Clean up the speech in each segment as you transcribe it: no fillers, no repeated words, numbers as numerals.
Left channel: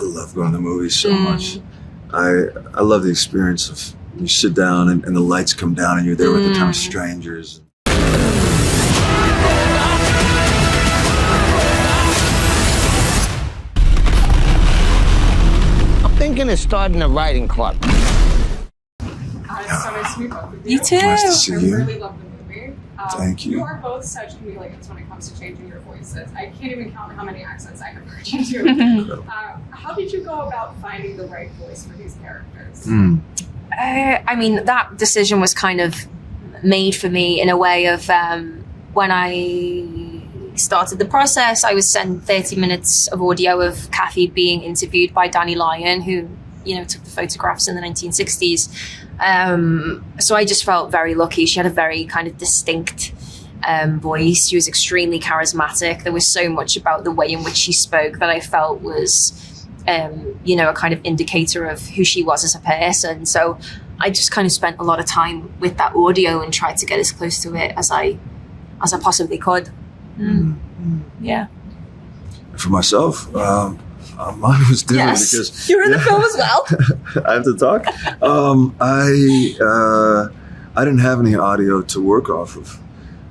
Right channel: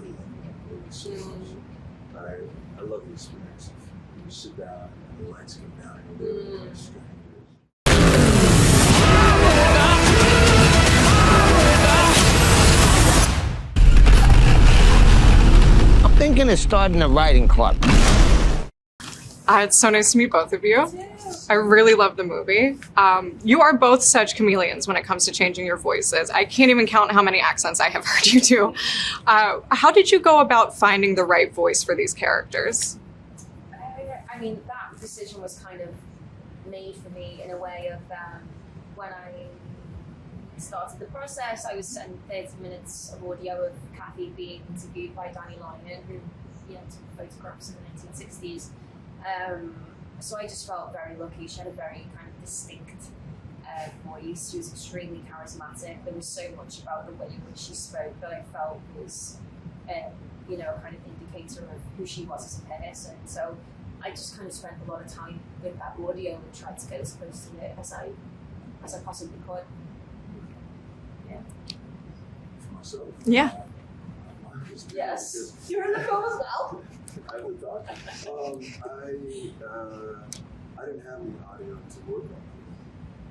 I love going to the movies so much. I love the experience of you sit down and the lights come down and you're there with a ton of strangers. I'm thinking of starting a writing club. It's so nice to meet both of you. You too. Nice to see I you. really love the movie. Thank you. You are both such chameleons when it comes to changing your voices. I can't even count how many accents I have heard you do. How did you go about finding the right voice for these characters? I mean, that decision was kind of made for me in a way of when I started the process, I was sent 30 minutes of audio of Kathy being interviewed by Danny Lyon, who, you know, took the photographs in the 1960s. So I just felt very lucky. She had a very kind of distinct voice. She was extremely charismatic. There was so much about the way in which she spoke that I felt was, you know, a kind of indicator of who she was as a person. So I just kind of spent a lot of time with that audio and tried to get as close to it as I possibly could. Yeah. For myself, Yeah. mine was different Yes. because You're in the film as well. I have to talk. I didn't have any audio to work off of,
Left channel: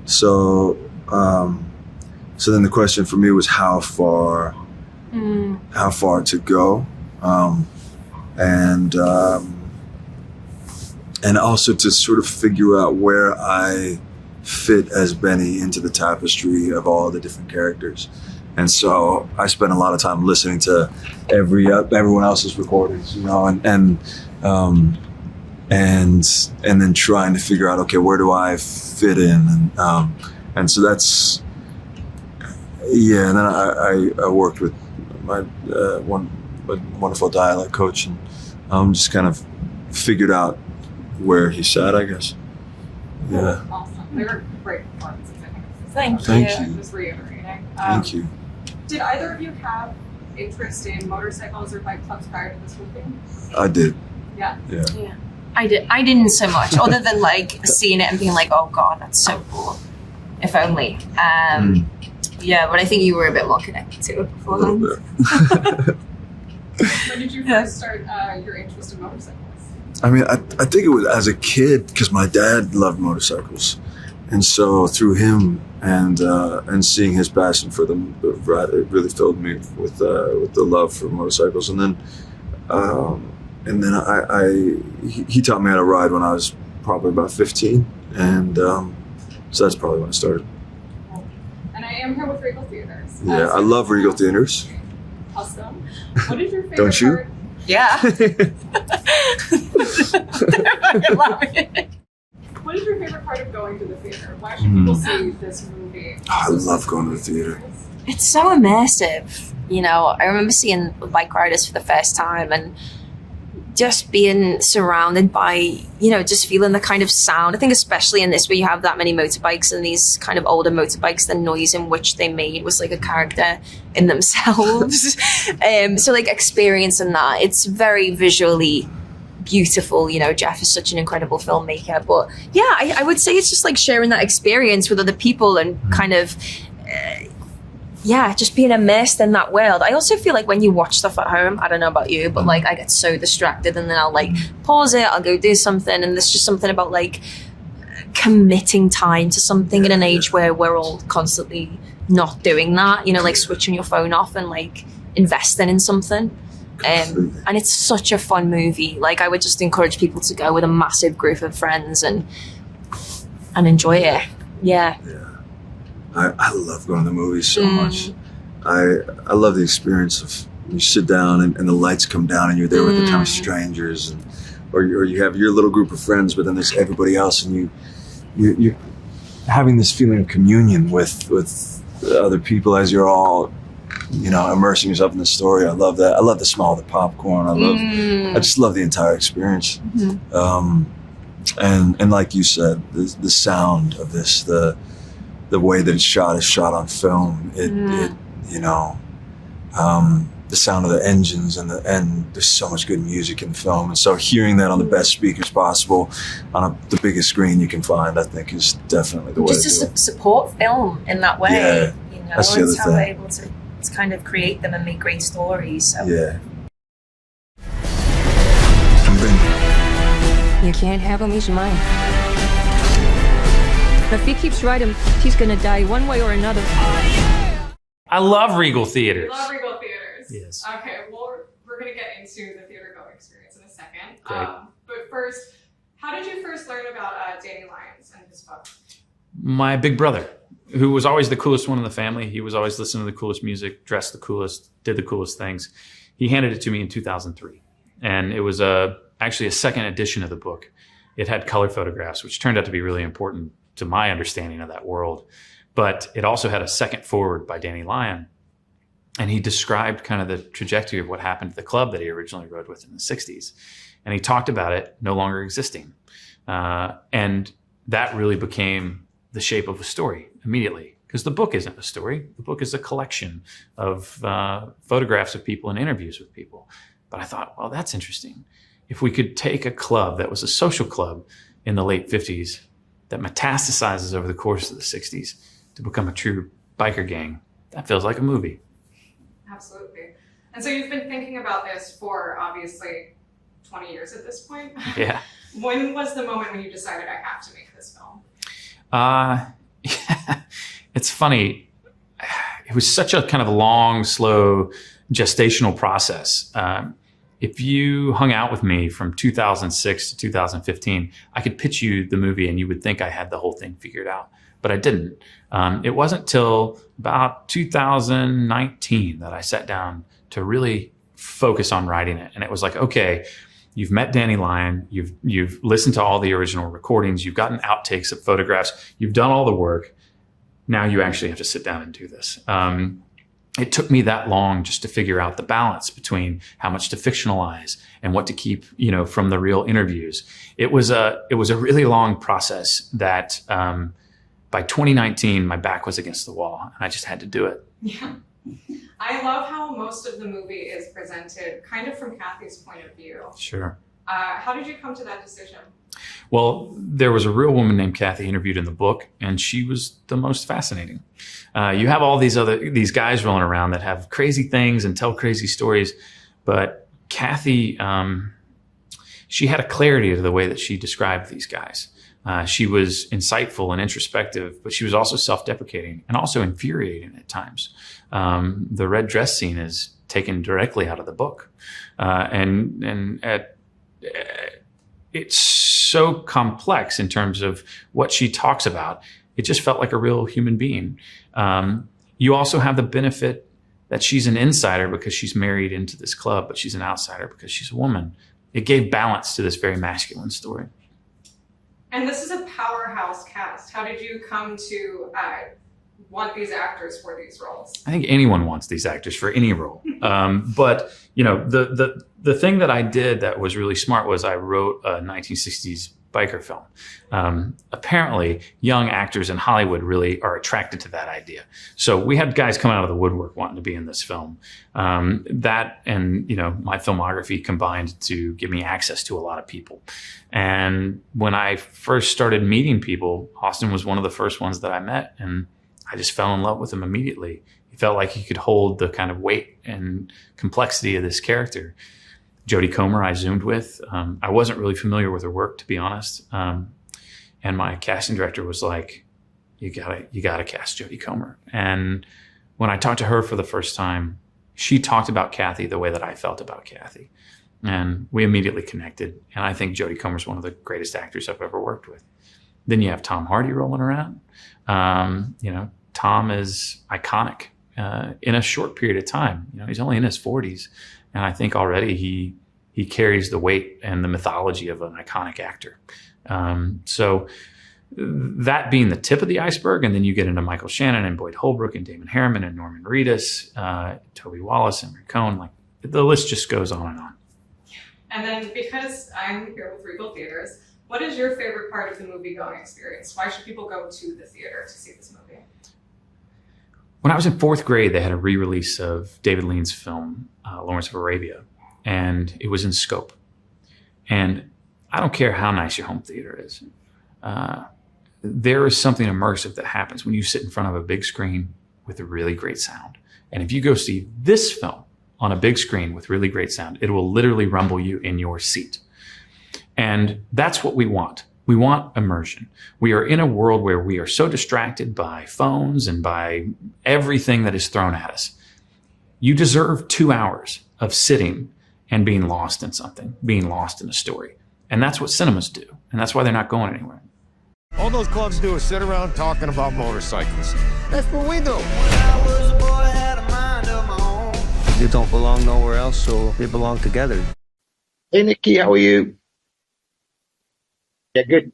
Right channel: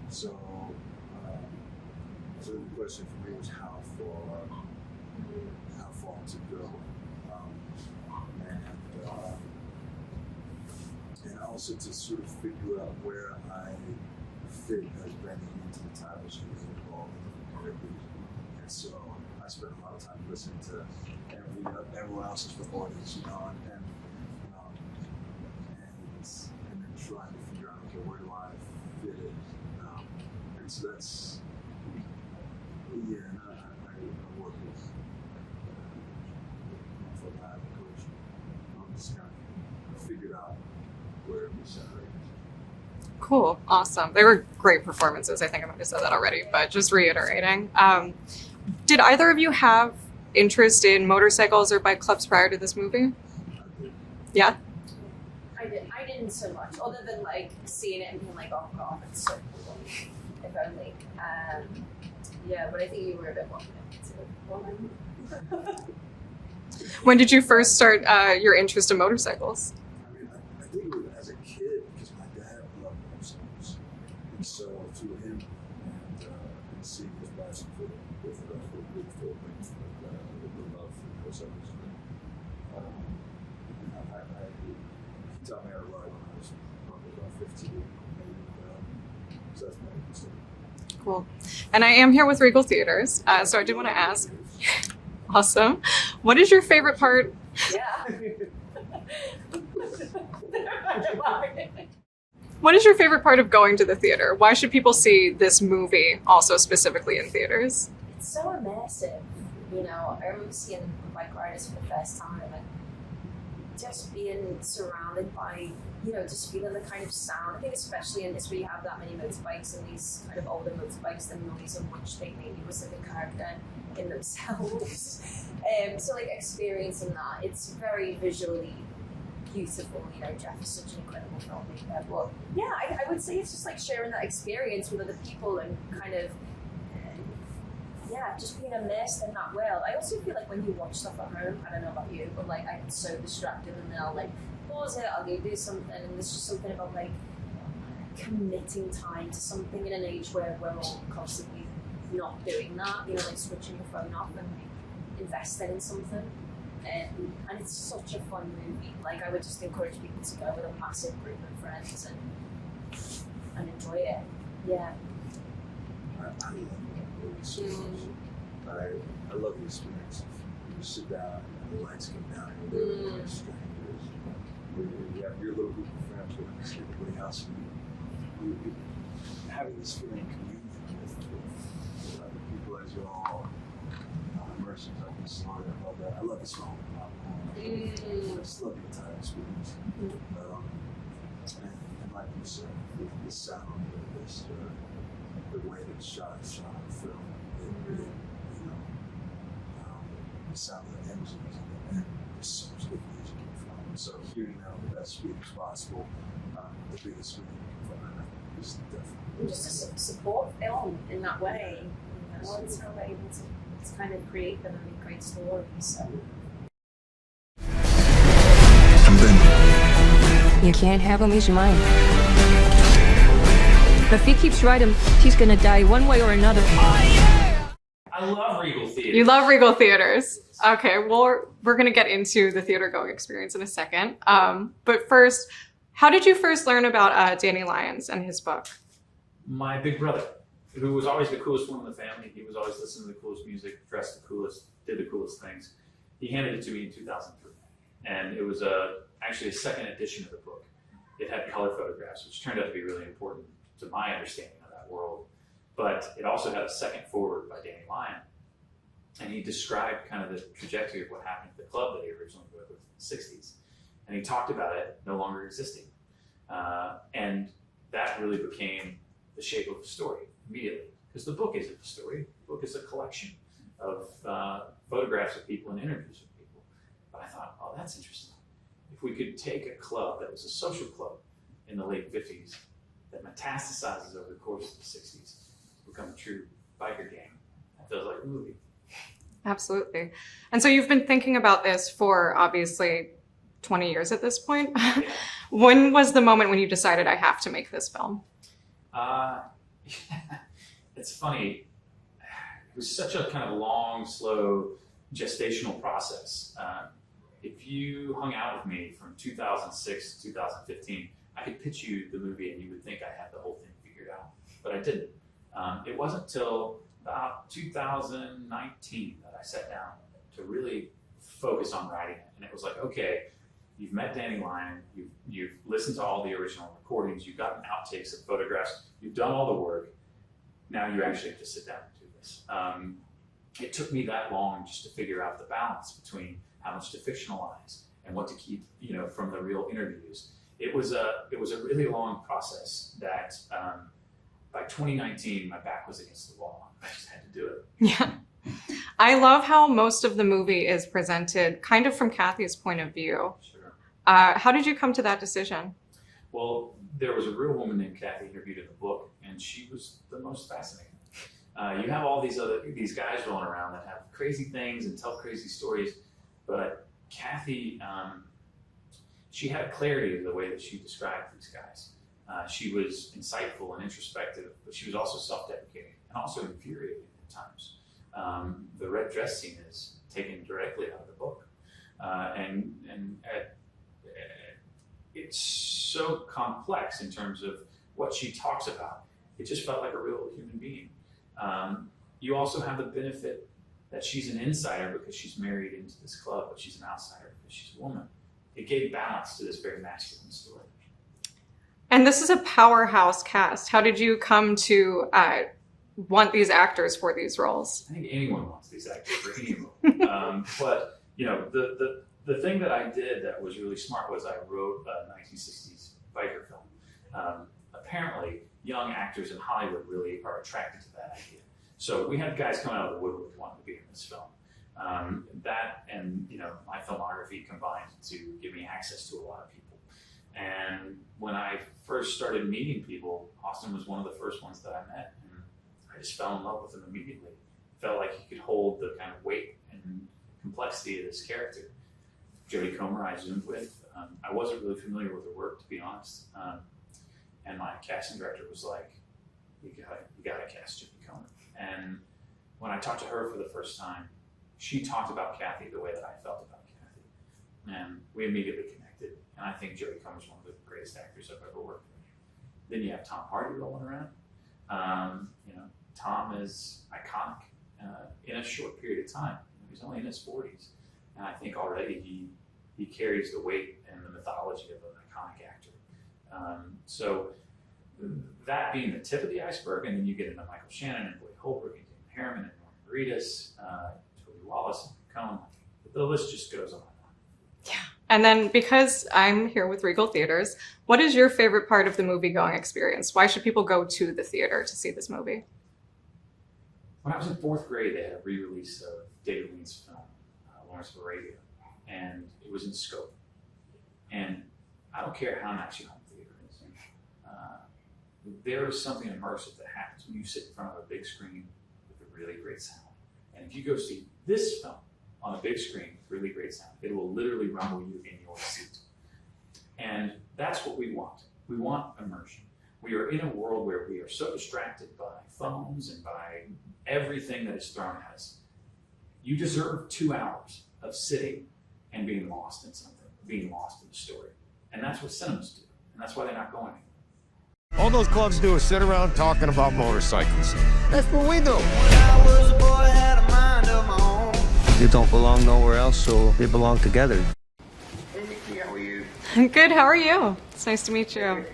so then the question for me was how far to go, and also to sort of figure out where I fit as Benny into the tapestry of all the different characters. And so I spent a lot of time listening to everyone else's recordings, you know, and then trying to figure out, okay, where do I fit in? And so that's, yeah. And then I worked with my one wonderful dialect coach, and just kind of figured out where he sat, I guess. Cool. Yeah. Awesome. They were great performances. I think I've said that Thank already, you. but just reiterating. Thank you. Did either of you have interest in motorcycles or bike clubs prior to this movie? I did. Yeah? Yeah. Yeah. I didn't so much, other than like seeing it and being like, oh God, that's so cool. If only. Yeah, but I think you were a bit more connected to it A little beforehand. bit. When did you first start your interest in motorcycles? I mean, I think it was as a kid because my dad loved motorcycles, and so through him and seeing his passion for them, it really filled me with the love for motorcycles. And then he taught me how to ride when I was probably about 15, and so that's probably when it started. Cool. And I am here with Regal Theaters. Yeah, so I do love wanna Regal ask- Theaters. Awesome. What is your favorite Don't you? part? Yeah. What is your favorite part of going to the theater? Why should people see this movie also I love specifically going in to theater. theaters? It's so immersive. You know, I remember seeing Bikeriders for the first time and just being surrounded by, you know, just feeling the kind of sound. I think especially in this where you have that many motorbikes and these kind of older motorbikes, the noise in which they made was like a character in themselves. So like experiencing that, it's very visually beautiful. You know, Jeff is such an incredible filmmaker. But yeah, I would say it's just like sharing that experience with other people and kind of just being immersed in that world. I also feel like when you watch stuff at home, I don't know about you, but like I get so distracted and then I'll like pause it, I'll go do something, and there's just something about like committing time to something in an age where we're all constantly not doing that, you know, like switching your phone off and like investing in something. And it's such a fun movie. Like I would just encourage people to go with a massive group of friends and enjoy it. Yeah. I love going to the movies so much. I love the experience of you sit down and the lights come down and you're there with a ton of strangers, or you have your little group of friends, but then there's everybody else, and you're having this feeling of communion with other people as you're all, you know, immersing yourself in the story. I love that. I love the smell of the popcorn. I just love the entire experience. And like you said, the sound of this, the way that it's shot is shot on film. It you know, the sound of the engines and there's so much good music in the film. And so hearing that on the best speakers possible on the biggest screen you can find, I think is definitely the way Just to do to it. support film in that way. Yeah, you know, that's the it's other how we're thing. able to kind of create them and make great stories. So Yeah. You can't have him, he's mine. If he keeps riding, he's gonna die one way or another. I love Regal Theater. You love Regal Theaters. Yes. Okay, well, we're going to get into the theater going experience in a second. But first, how did you first learn about Danny Lyon and his book? My big brother, who was always the coolest one in the family. He was always listening to the coolest music, dressed the coolest, did the coolest things. He handed it to me in 2003. And it was actually a second edition of the book. It had color photographs, which turned out to be really important to my understanding of that world. But it also had a second forward by Danny Lyon. And he described kind of the trajectory of what happened to the club that he originally rode with in the 60s. And he talked about it no longer existing. And that really became the shape of a story immediately. Because the book isn't a story. The book is a collection of photographs of people and interviews with people. But I thought, well, that's interesting. If we could take a club that was a social club in the late 50s that metastasizes over the course of the 60s to become a true biker gang, that feels like a movie. Absolutely. And so you've been thinking about this for obviously 20 years at this point. Yeah. When was the moment when you decided I have to make this film? It's funny. It was such a kind of long, slow gestational process. If you hung out with me from 2006 to 2015, I could pitch you the movie and you would think I had the whole thing figured out, but I didn't. It wasn't till about 2019 that I sat down to really focus on writing it. And it was like, okay, you've met Danny Lyon, you've listened to all the original recordings, you've gotten outtakes of photographs, you've done all the work. Now you actually have to sit down and do this. It took me that long just to figure out the balance between how much to fictionalize and what to keep, from the real interviews. It was a really long process that by 2019, my back was against the wall and I just had to do it. Yeah. I love how most of the movie is presented kind of from Kathy's point of view. Sure. How did you come to that decision? Well, there was a real woman named Kathy interviewed in the book, and she was the most fascinating. You have all these guys rolling around that have crazy things and tell crazy stories, but Kathy, she had a clarity to the way that she described these guys. She was insightful and introspective, but she was also self-deprecating and also infuriating at times. The red dress scene is taken directly out of the book, it's so complex in terms of what she talks about. It just felt like a real human being. You also have the benefit that she's an insider because she's married into this club, but she's an outsider because she's a woman. It gave balance to this very masculine story. And this is a powerhouse cast. How did you come to want these actors for these roles? I think anyone wants these actors for any role. But the thing that I did that was really smart was I wrote a 1960s biker film. Apparently, young actors in Hollywood really are attracted to that idea. So we had guys coming out of the woodwork wanting to be in this film. That and my filmography combined to give me access to a lot of people. And when I first started meeting people, Austin was one of the first ones that I met, and I just fell in love with him immediately. He felt like he could hold the kind of weight and complexity of this character. Jodie Comer I Zoomed with. I wasn't really familiar with her work, to be honest. And my casting director was like, you gotta cast Jodie Comer. And when I talked to her for the first time, she talked about Kathy the way that I felt about Kathy. And we immediately connected. And I think Jodie Comer's one of the greatest actors I've ever worked with. Then you have Tom Hardy rolling around. Tom is iconic in a short period of time. He's only in his 40s. And I think already he carries the weight and the mythology of an iconic actor. So that being the tip of the iceberg, and then you get into Michael Shannon and Boyd Holbrook and Damon Harriman and Norman Reedus, Toby Wallace and Rick Cohen. Like the list just goes on and on. Yeah. And then because I'm here with Regal Theaters, what is your favorite part of the movie-going experience? Why should people go to the theater to see this movie? When I was in 4th grade, they had a re-release of David Lean's film, Lawrence of Arabia, and it was in scope. And I don't care how nice your home theater is. There is something immersive that happens when you sit in front of a big screen with a really great sound. And if you go see this film on a big screen with really great sound, it will literally rumble you in your seat. And that's what we want. We want immersion. We are in a world where we are so distracted by phones and by everything that is thrown at us. You deserve 2 hours of sitting and being lost in something, being lost in a story. And that's what cinemas do. And that's why they're not going anywhere. All those clubs do is sit around talking about motorcycles. That's what we do. You don't belong nowhere else, so they belong together. Hey, Nikki, how are you? Good, how are you? It's nice to meet you. Yeah, good.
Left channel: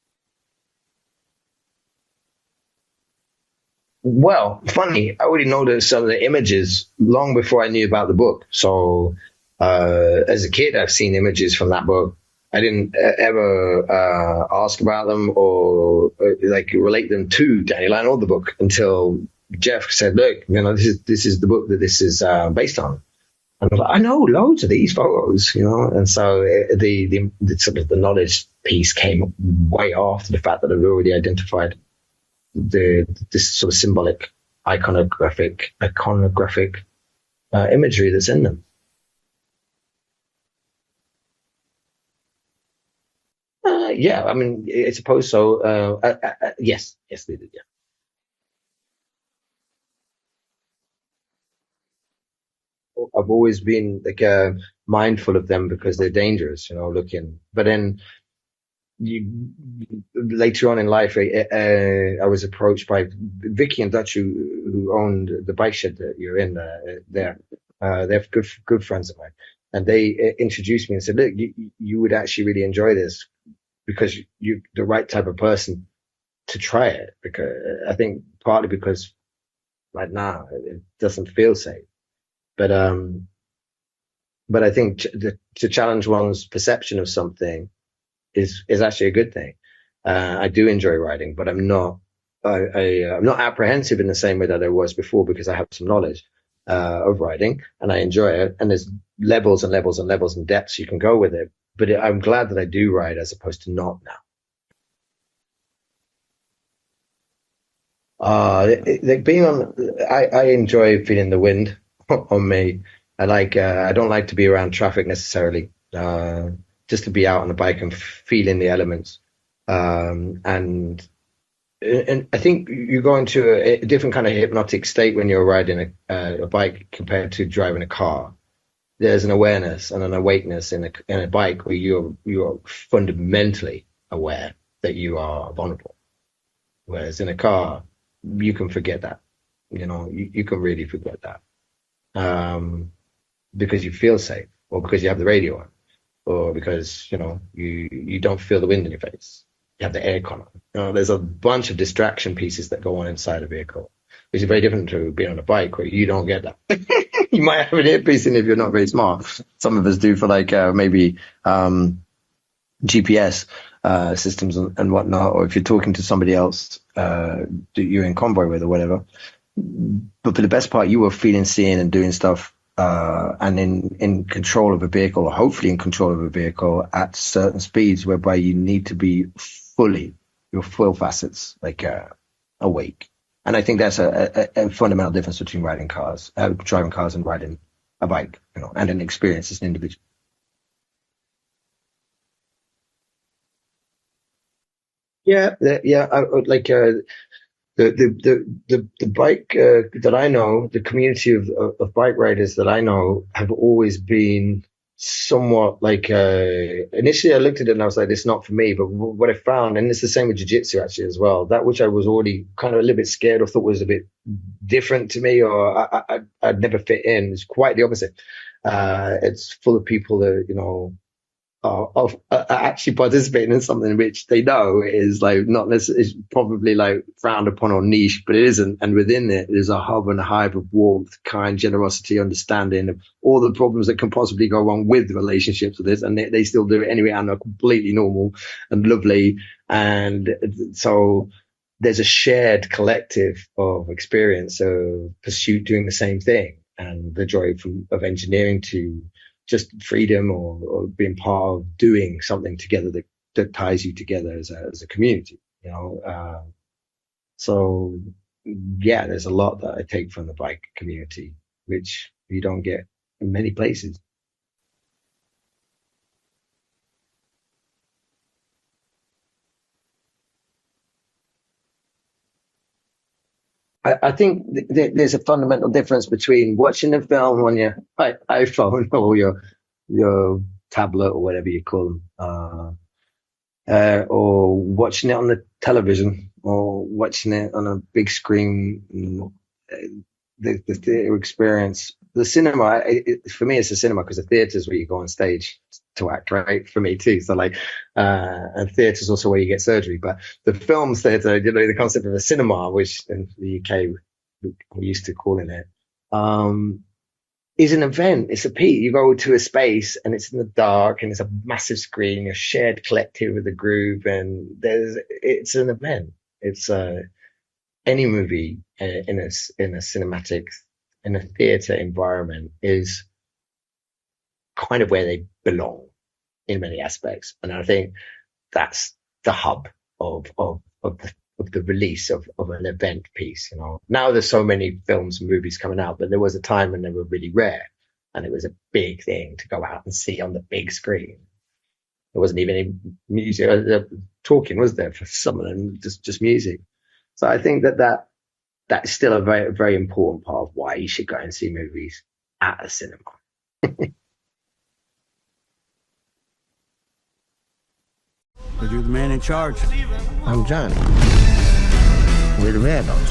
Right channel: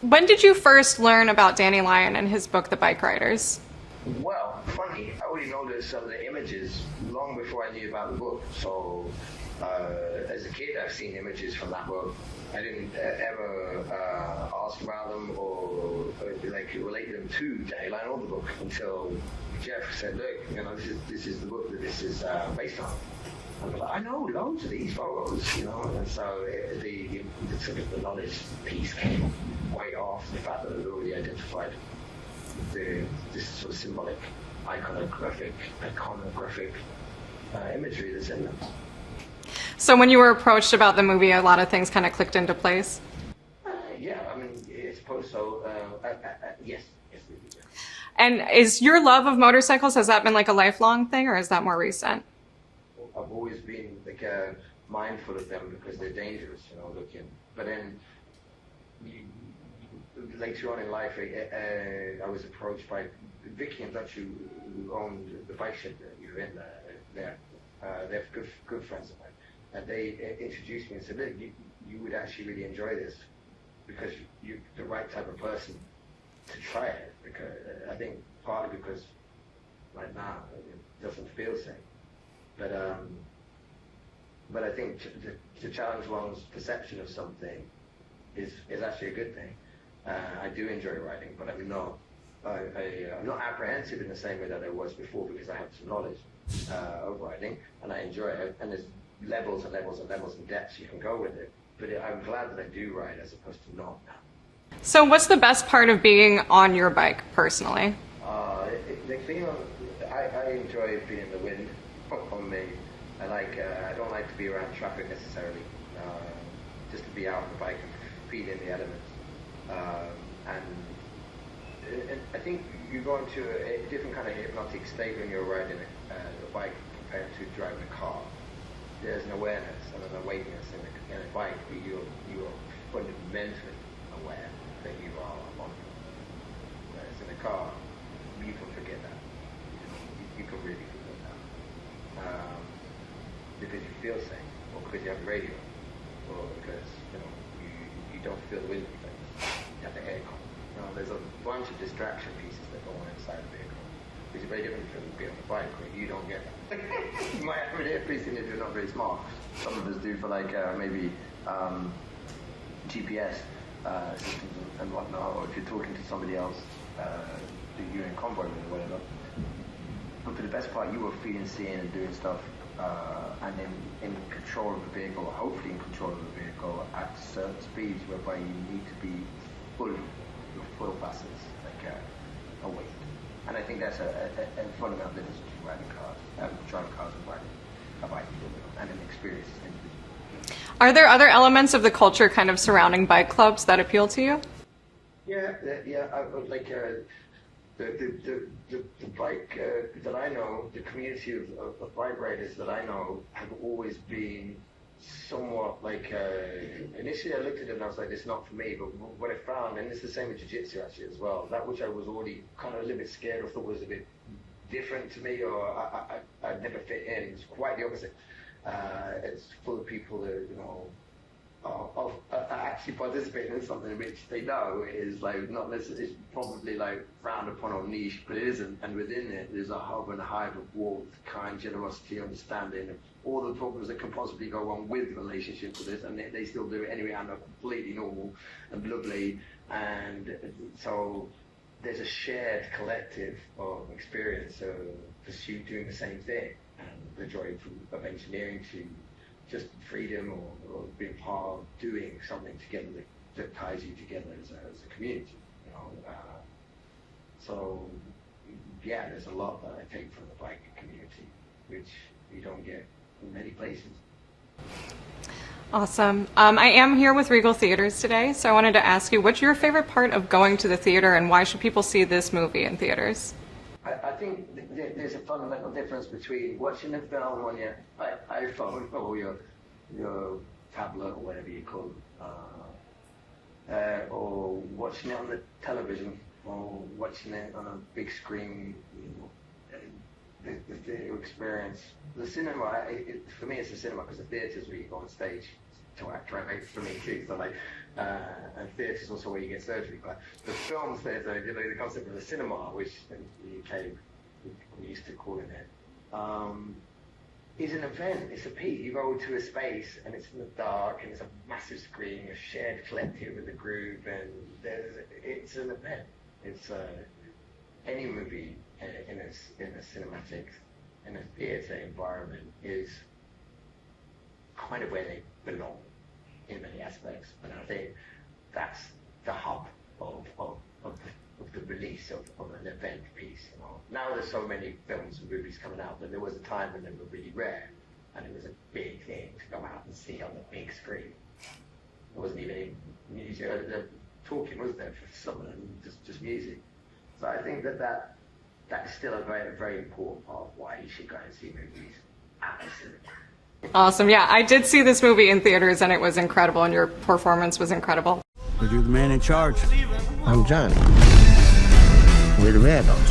When did you first learn about Danny Lyon and his book, The Bikeriders? Well, funny, I already noticed some of the images long before I knew about the book. So, as a kid, I've seen images from that book. I didn't ever ask about them or like relate them to Danny Lyon or the book until Jeff said, "Look, this is the book that this is based on." And I was like, I know loads of these photos, and so the sort of the knowledge piece came way after the fact that I'd already identified this sort of symbolic, iconographic imagery that's in them. So when you were approached about the movie, a lot of things kind of clicked into place? Yeah, I mean, I suppose so. Yes, they did, yeah. And is your love of motorcycles, has that been like a lifelong thing, or is that more recent? I've always been like mindful of them because they're dangerous, looking. But then later on in life, I was approached by Vicky and Dutch, who owned the bike shed that you're in there. They're good friends of mine. And they introduced me and said, look, you would actually really enjoy this because you're the right type of person to try it. Because I think partly because right now it doesn't feel safe. But I think to challenge one's perception of something is actually a good thing. I do enjoy riding, but I'm not apprehensive in the same way that I was before because I have some knowledge of riding and I enjoy it. And there's levels and levels and levels and depths you can go with it. But I'm glad that I do ride as opposed to not now. So what's the best part of being on your bike personally? Like being on, I enjoy feeling the wind on me. I don't like to be around traffic necessarily. Just to be out on the bike and feeling the elements. And I think you go into a different kind of hypnotic state when you're riding a bike compared to driving a car. There's an awareness and an awakeness in a bike where you're fundamentally aware that you are vulnerable. Whereas in a car, you can forget that. You can really forget that. Because you feel safe, or because you have the radio on, or because you don't feel the wind in your face. You have the aircon on. There's a bunch of distraction pieces that go on inside a vehicle, which is very different to being on a bike where you don't get that. You might have an earpiece in if you're not very smart. Some of us do for maybe GPS systems and whatnot, or if you're talking to somebody else that you're in convoy with or whatever. But for the best part, you were feeling, seeing, and doing stuff. And in control of a vehicle, or hopefully in control of a vehicle at certain speeds whereby you need to be your full facets, awake. And I think that's a fundamental difference between driving cars and riding a bike, and an experience as an individual. Are there other elements of the culture kind of surrounding bike clubs that appeal to you? Yeah. The bike that I know, the community of bike riders that I know have always been somewhat initially I looked at it and I was like, it's not for me. But what I found, and it's the same with jiu-jitsu actually as well, that which I was already kind of a little bit scared or thought was a bit different to me, or I'd never fit in, is quite the opposite. It's full of people that, are actually participating in something which they know is not necessarily, is probably frowned upon or niche, but it isn't. And within it, there's a hub and a hive of warmth, kind, generosity, understanding of all the problems that can possibly go wrong with relationships with this, and they still do it anyway, and are completely normal and lovely. And so there's a shared collective of experience of pursuit doing the same thing, and the joy of engineering to just freedom or being part of doing something together that ties you together as a community, So yeah, there's a lot that I take from the bike community, which you don't get in many places. Awesome. I am here with Regal Theaters today, so I wanted to ask you, what's your favorite part of going to the theater, and why should people see this movie in theaters? I think there's a fundamental difference between watching a film on your iPhone or your tablet or whatever you call them, or watching it on the television or watching it on a big screen. The theater experience, the cinema, for me, it's the cinema, because the theater is where you go on stage to act, right? For me too. So like, and theater is also where you get surgery. But the film theater, the concept of a cinema, which in the UK we're used to calling it, is an event. It's a piece. You go to a space and it's in the dark and it's a massive screen, a shared collective with a group, and it's an event. It's any movie in a cinematic, in a theater environment is kind of where they belong in many aspects. And I think that's the hub of the release of an event piece. Now there's so many films and movies coming out, but there was a time when they were really rare, and it was a big thing to go out and see on the big screen. There wasn't even any music talking, was there, for some of them? Just music. So I think that is still a very, very important part of why you should go and see movies at a cinema. Awesome. Yeah, I did see this movie in theaters, and it was incredible, and your performance was incredible. You're the man in charge. I'm John. We're the Red Dogs.